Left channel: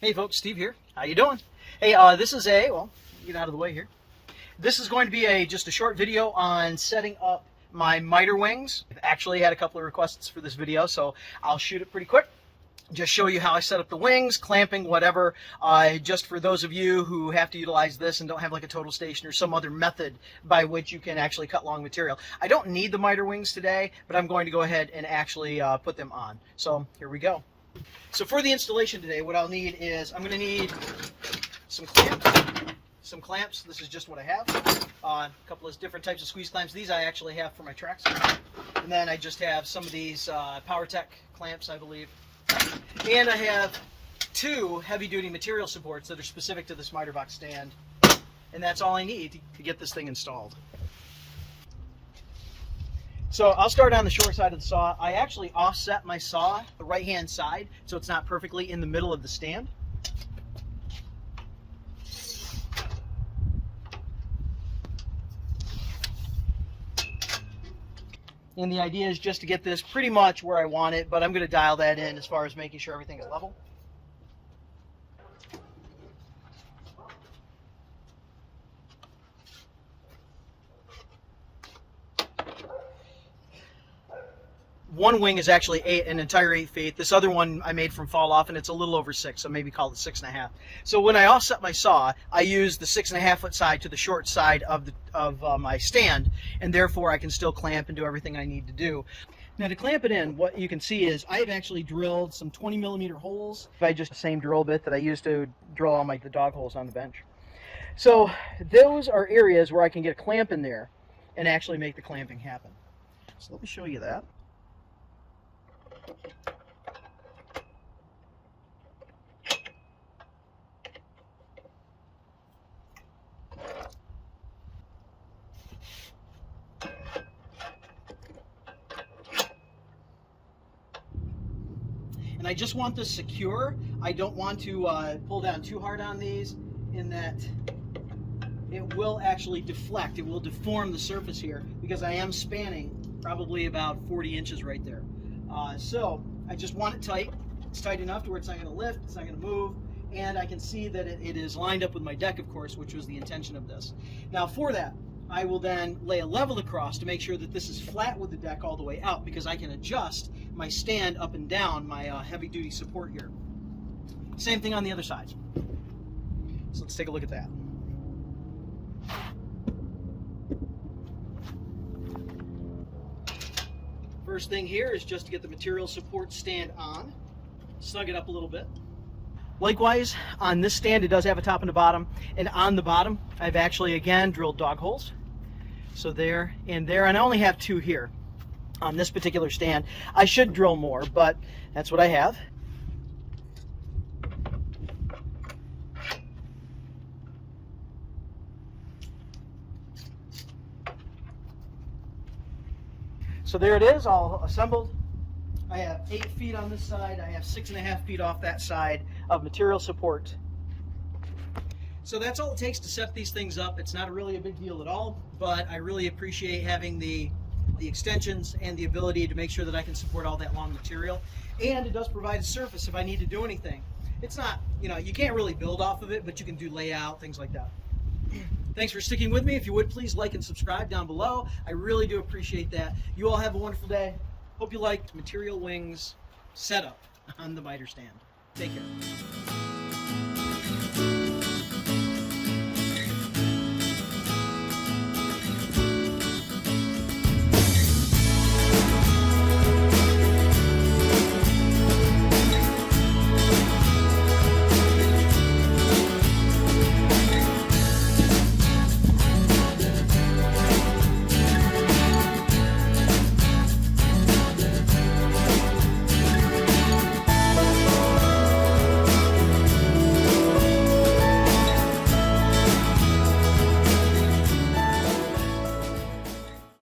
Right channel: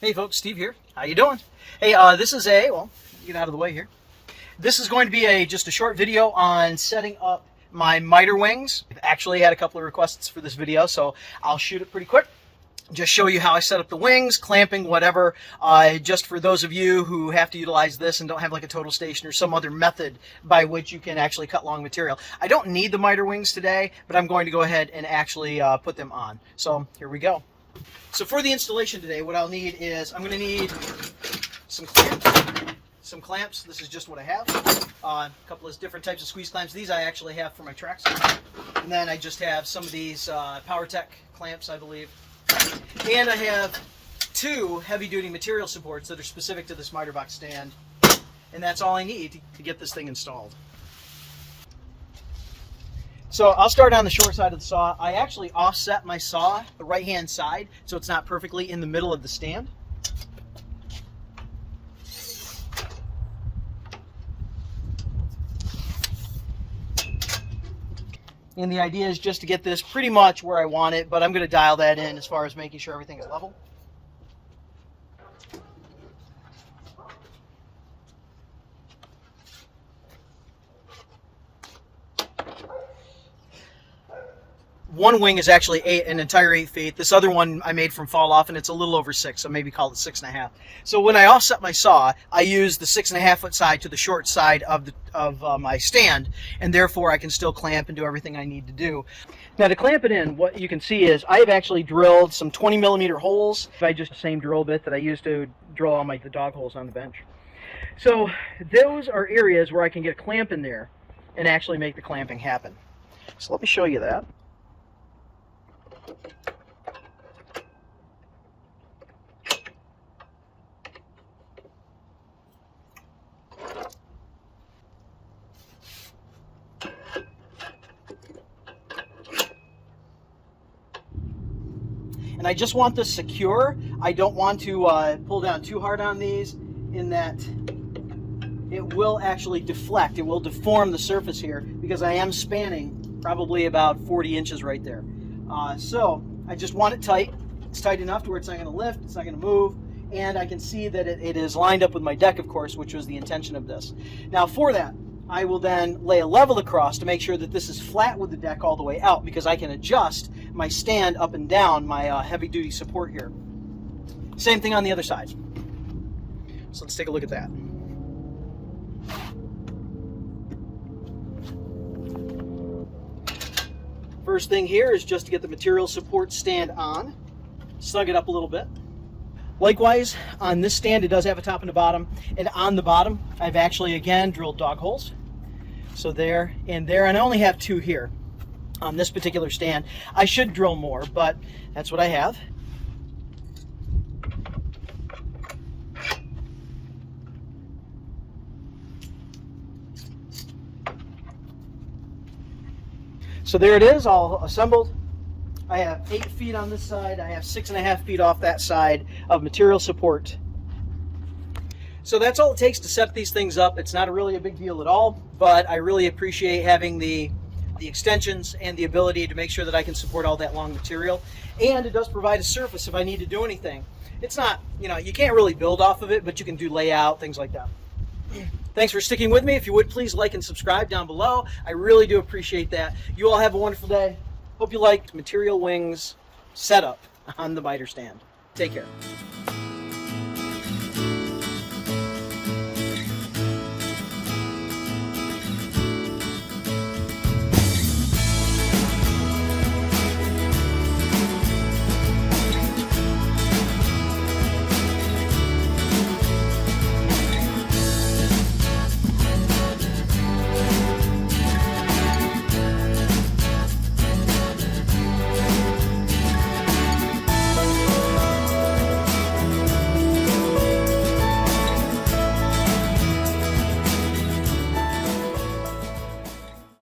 Hey folks, Steve here. How you doing? Hey, this is get out of the way here. This is going to be just a short video on setting up my miter wings. I've actually had a couple of requests for this video, so I'll shoot it pretty quick. Just show you how I set up the wings, clamping, whatever. Just for those of you who have to utilize this and don't have like a total station or some other method by which you can actually cut long material. I don't need the miter wings today, but I'm going to go ahead and actually put them on. So here we go. So for the installation today, what I'll need is I'm going to need some clamps. This is just what I have. A couple of different types of squeeze clamps. These I actually have for my tracks. And then I just have some of these PowerTech clamps, I believe. And I have two heavy-duty material supports that are specific to this miter box stand. And that's all I need to get this thing installed. So I'll start on the short side of the saw. I actually offset my saw the right-hand side so it's not perfectly in the middle of the stand. And the idea is just to get this pretty much where I want it, but I'm going to dial that in as far as making sure everything is level. One wing is actually an entire 8 feet. This other one I made from falloff, and it's a little over 6, so maybe call it 6.5. So when I offset my saw, I use the 6.5 foot side to the short side of my stand, and therefore I can still clamp and do everything I need to do. Now to clamp it in, what you can see is I have actually drilled some 20mm holes by just the same drill bit that I used to drill all the dog holes on the bench. So those are areas where I can get a clamp in there and actually make the clamping happen. So let me show you that. And I just want this secure. I don't want to pull down too hard on these in that it will actually deflect. It will deform the surface here because I am spanning probably about 40 inches right there. So I just want it tight. It's tight enough to where it's not going to lift, it's not going to move, and I can see that it is lined up with my deck, of course, which was the intention of this. Now for that, I will then lay a level across to make sure that this is flat with the deck all the way out, because I can adjust my stand up and down my heavy-duty support here. Same thing on the other side. So let's take a look at that. First thing here is just to get the material support stand on, snug it up a little bit. Likewise, on this stand it does have a top and a bottom, and on the bottom I've actually again drilled dog holes. So there and there, and I only have 2 here on this particular stand. I should drill more, but that's what I have. So there it is, all assembled. I have 8 feet on this side. I have 6.5 feet off that side of material support. So that's all it takes to set these things up. It's not really a big deal at all, but I really appreciate having the extensions and the ability to make sure that I can support all that long material. And it does provide a surface if I need to do anything. It's not, you can't really build off of it, but you can do layout, things like that. Thanks for sticking with me. If you would, please like and subscribe down below. I really do appreciate that. You all have a wonderful day. Hope you liked material wings setup on the miter stand. Take care.